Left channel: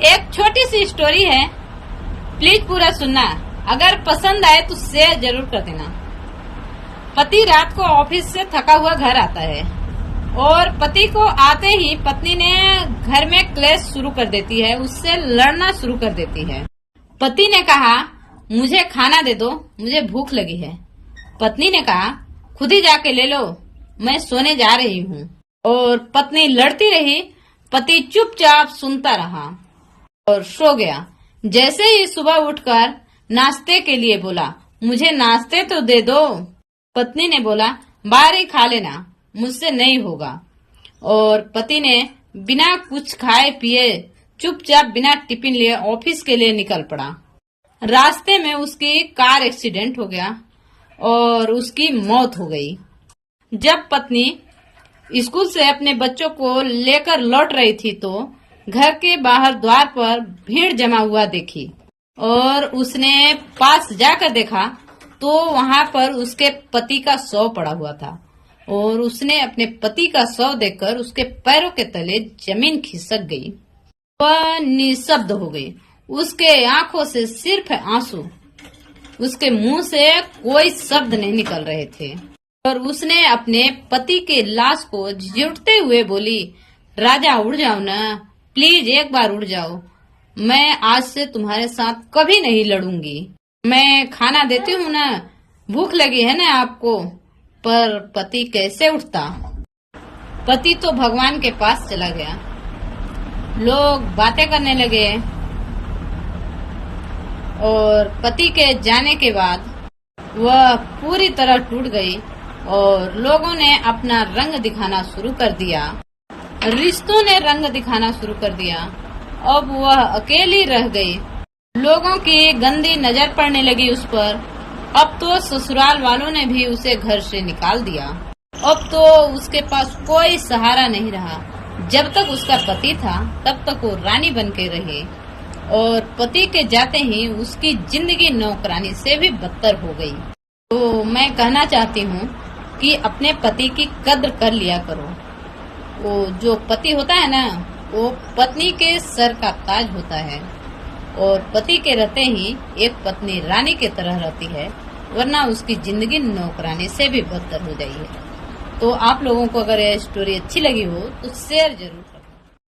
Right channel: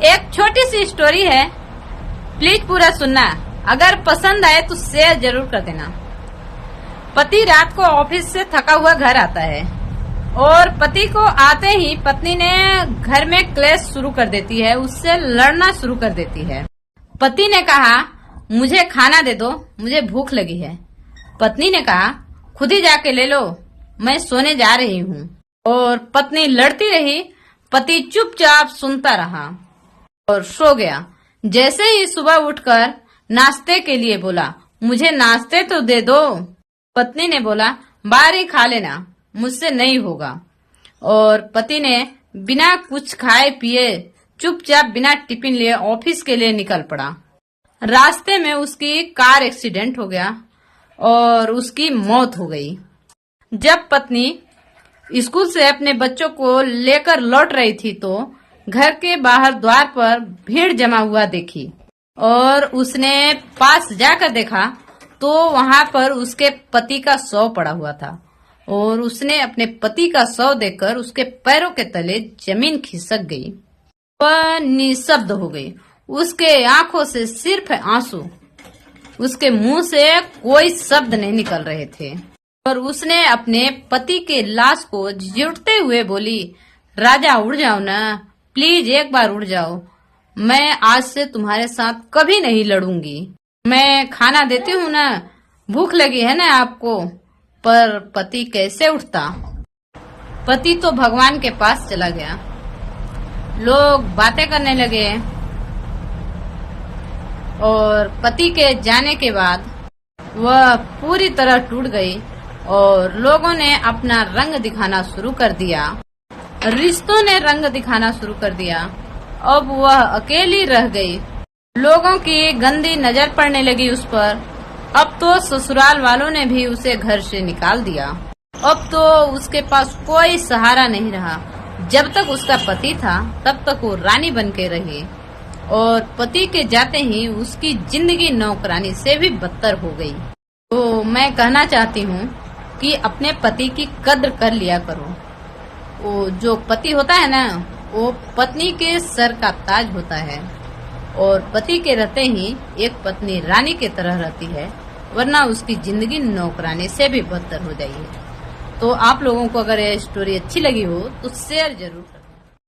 एक छोटी सी स्टोरी है, प्लीज पूरा सुनना। अगर पसंद आए तो शेयर जरूर कर देना। पति रात को ऑफिस से थका हुआ घर आता है और पति को आते ही पत्नी ने घर में क्लेश शुरू कर देती है, उससे लड़ना शुरू कर देती है। पति ने कहा, मुझे खाना दे दो, मुझे भूख लगी है। पत्नी ने कहा, खुद ही जाके ले लो, मैं सोने जा रही हूँ। और पत्नी लड़ती रही, पति चुपचाप सुनता रहा और सो गया। जैसे ही सुबह उठकर नाश्ते के लिए बोला, मुझे नाश्ते तो दे दो। पत्नी ने बोला, बाहर ही खा लेना, मुझसे नहीं होगा। और पति ने बिना कुछ खाए पिए चुपचाप बिना टिफिन लिए ऑफिस के लिए निकल पड़ा। रास्ते में उसकी कार एक्सीडेंट हो गया और उसकी मौत हो गई। जब पत्नी स्कूल से अपने बच्चों को लेकर लौट रही थी तो घर के बाहर द्वार पर भीड़ जमा हुआ देखी और उसने पास जाकर देखा तो वहां पर उसके पति का शव पड़ा हुआ था और उसने अपने पति का शव देखकर उसके पैरों के तले जमीन खिसक गई। वह निशब्द हो गई, उसके आंखों से सिर्फ आंसू, उसके मुंह से कोई शब्द नहीं निकल रहे थे। और उसने अपने पति के लाश को झिड़कते हुए बोली, राजा उड़ जाओ ना, प्लीज एक बार उड़ जाओ, मैं आज से तुम्हारे साथ कभी नहीं लड़ूंगी। मैं खाना देती हूँ ना, भूख लगी है ना आपको। पर पति कैसे उठता। पति तो भगवान के पास चला गया। लोग बातें करने लगे और पति के जाने के बाद वह पूरी तरह टूट गई और लोगों ने अपना रंग दिखाना शुरू कर दिया, रिश्तों ने रंग दिखाना शुरू कर दिया। अब वह अकेली रह गई। लोगों की गंदी नजर पड़ने लगी उस पर। अब तो ससुराल वालों ने भी उसे घर से निकाल दिया। अब तो उसके पास कोई सहारा नहीं रहा। जब तक उसका पति था तब तक वो रानी बन के रही और पति के जाते ही उसकी जिंदगी नौकरानी से भी बदतर हो गई। तो मैं कहना चाहती हूँ कि अपने पति की कद्र कर लिया करो। वो जो पति होता है ना, वो पत्नी के सर का ताज होता है और पति के रहते ही एक पत्नी रानी की तरह रहती है, वरना उसकी जिंदगी नौकरानी से भी बदतर हो जाएगी। तो आप लोगों को अगर यह स्टोरी अच्छी लगी हो तो शेयर जरूर करें।